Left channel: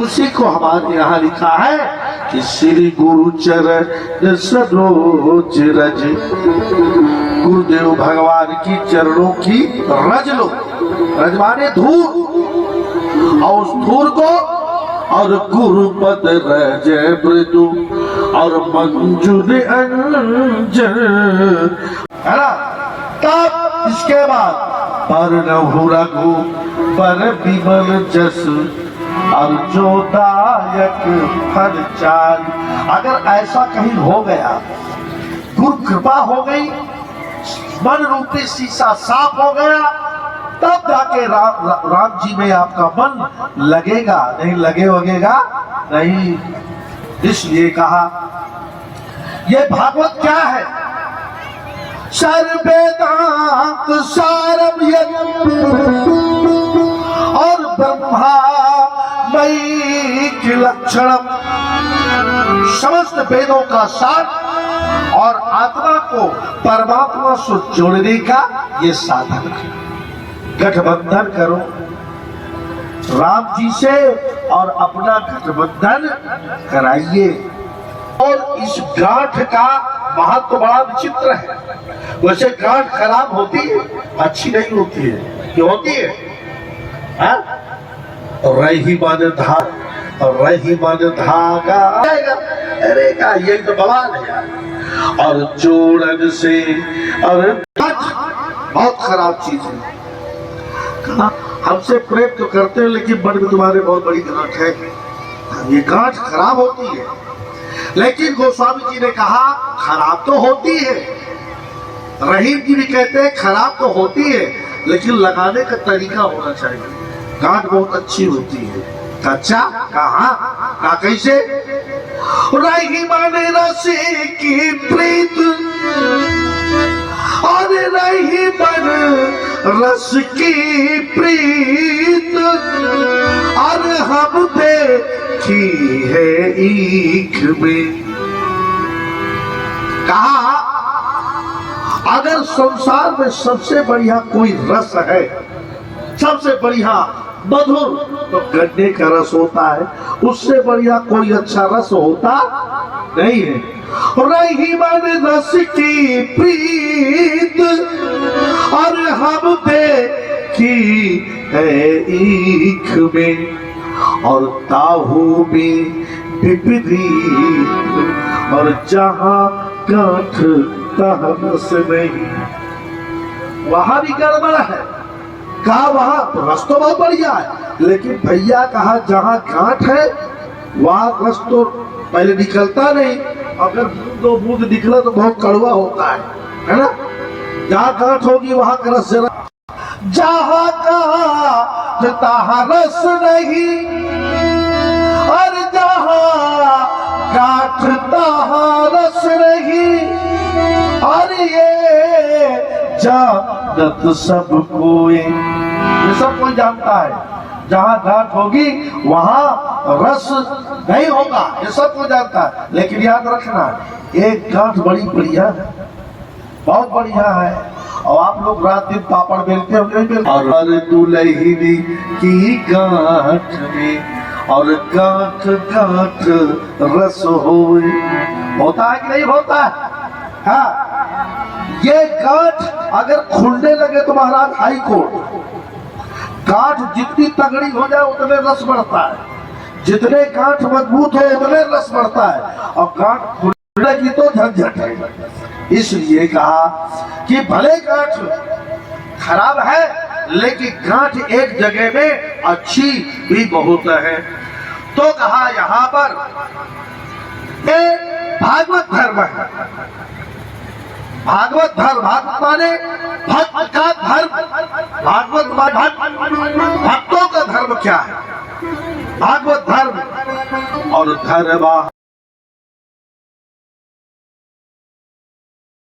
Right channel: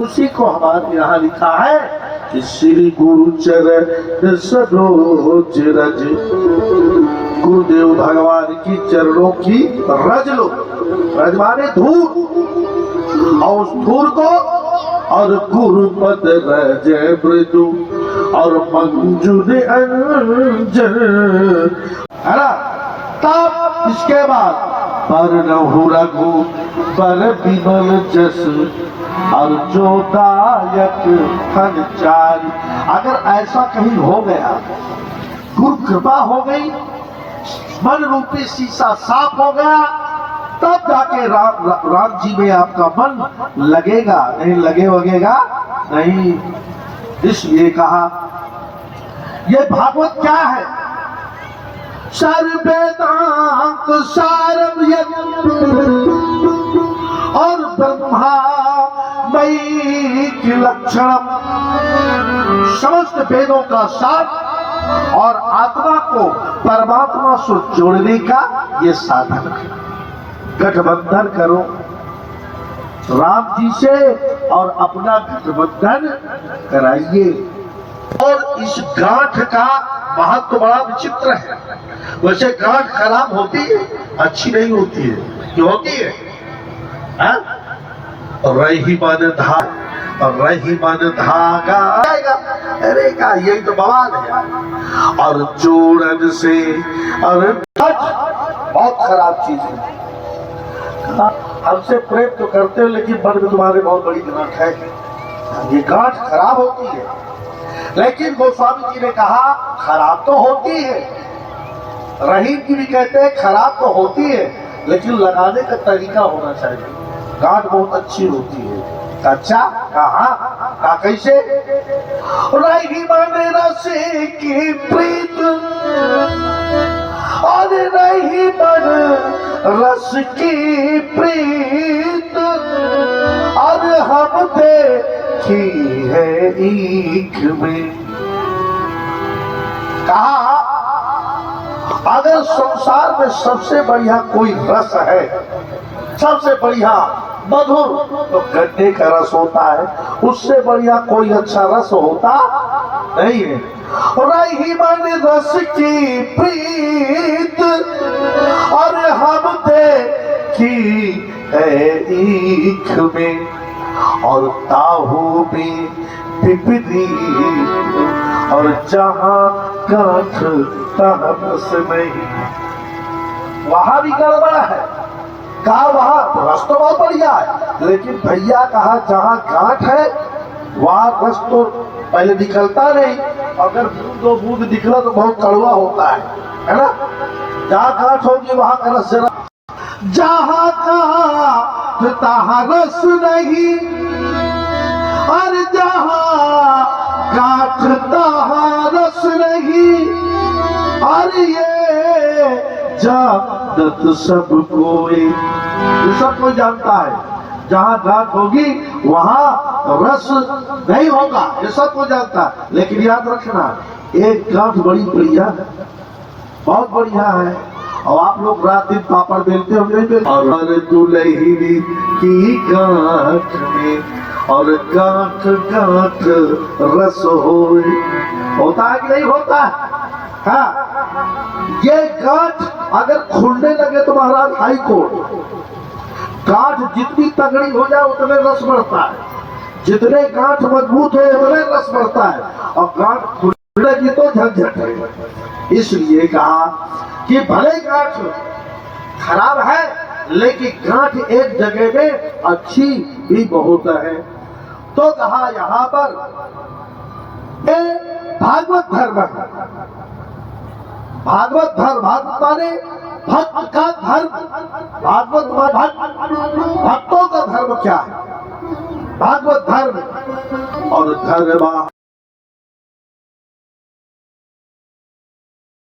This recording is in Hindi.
उसी को हमारे यहाँ लिखा है कि श्री गुरु चरण सरोज रज, गुरुदेव भगवान की चरणों की रज लो। रज माने धूल, और उस धूल को और गुरुपद रज मृदु और मंजूर अंजन, है ना। तब इसके बाद पर रहु रघु पर विमल जस और जो दायक फल चारि। अगर ऐसा कहीं हो गया, गुरु कृपा हो गई, मन रूपी शीशा साफ हो गया, तब जाके राम जी में आपका मन लगेगा, नहीं लगेगा नहीं। इसलिए कहा ये भागवत क्या है? सर्वेदांत सारम और ब्रह्मा मयि लक्षणम, समस्त वेदों का सार और आत्मा को परमात्मा से जोड़ने का ये साधन है। गठबंधन करो राम जी से और अपना गठबंधन कराइए। और इस गांठ का महत्व बड़ा विचित्र है। वैसे गांठ खराब होती है, अच्छी नहीं होती है, क्यों होती है? रही मन धागा और रही मन धागा आएगा, अरे का यही तो बवाल है। और जोड़न से और बहुत खराब चीज है। हमसे प्रेम तो करते हैं, लेकिन मन में तुम्हारे बहुत बड़ी गांठ है। ये गांठ खराब होती है, लेकिन गोस्वामी जी ने कहा खराब तो होती है। रहीम जी भी कहते हैं खराब तो होती है, लेकिन लगाने का तरीका होना चाहिए। गांठ बहुत अच्छी होती है। अच्छा कहा कैसे? रही मन रस की प्रीत और रही मन रस की प्रीत और हम देखी है ईख में। कहा अगर संसार में सबसे बढ़िया कोई रस है, सबसे बढ़िया मधुर, तो गन्ने का रस होता है। उससे बढ़िया कोई अच्छा रस होता नहीं है। रही मन रस की प्रीत और हम देखी है ईख में, और ताहू में विपरीत और जहां गांठ तहाँ रस नहीं। वहां भी गड़बड़ है। कहा वहां रस तो बहुत बढ़िया है, लेकिन भैया कहा जहां गांठ है वहां रस तो पहले निकलता नहीं। अगर दो बूंद निकला तो बहुत कड़वा होता है ना। जहां गांठ होगी वहां का रस जरा, जहां गांठ तहाँ रस नहीं, और जहां गांठ तहाँ रस नहीं। और ये जानत सब कोई, ये सब कोई जानता है। जहां गांठ होगी वहां रस नहीं होगा, ये सब कोई जानता है। लेकिन याद रखना, एक गांठ बड़ी बढ़िया है, बहुत बढ़िया है। और आप लोग रात दिन पापड़ बेलते होंगे, और दुल्हनी की गांठ में और गांठ गांठ रस होता है कि नहीं होता है? हाँ, ये गांठ अगर खुलने लगे तो महाराज हाई कोर्ट। गांठ जितनी तगड़ी हो जाए उतने रस बढ़ता है, जितने गांठ मजबूत हो उतने रस बढ़ता है, और गांठ खुलने की तो झंझट है। इसलिए कहा कि भले गांठ खराब है, लेकिन गांठ एक जगह में अच्छी भी बहुत है। तो कहा यहाँ पर भागवत धर्म है। भागवत धर्म, भागवत माने भक्त का धर्म। भागवत भक्तों का धर्म क्या है? भागवत धर्म और धर्म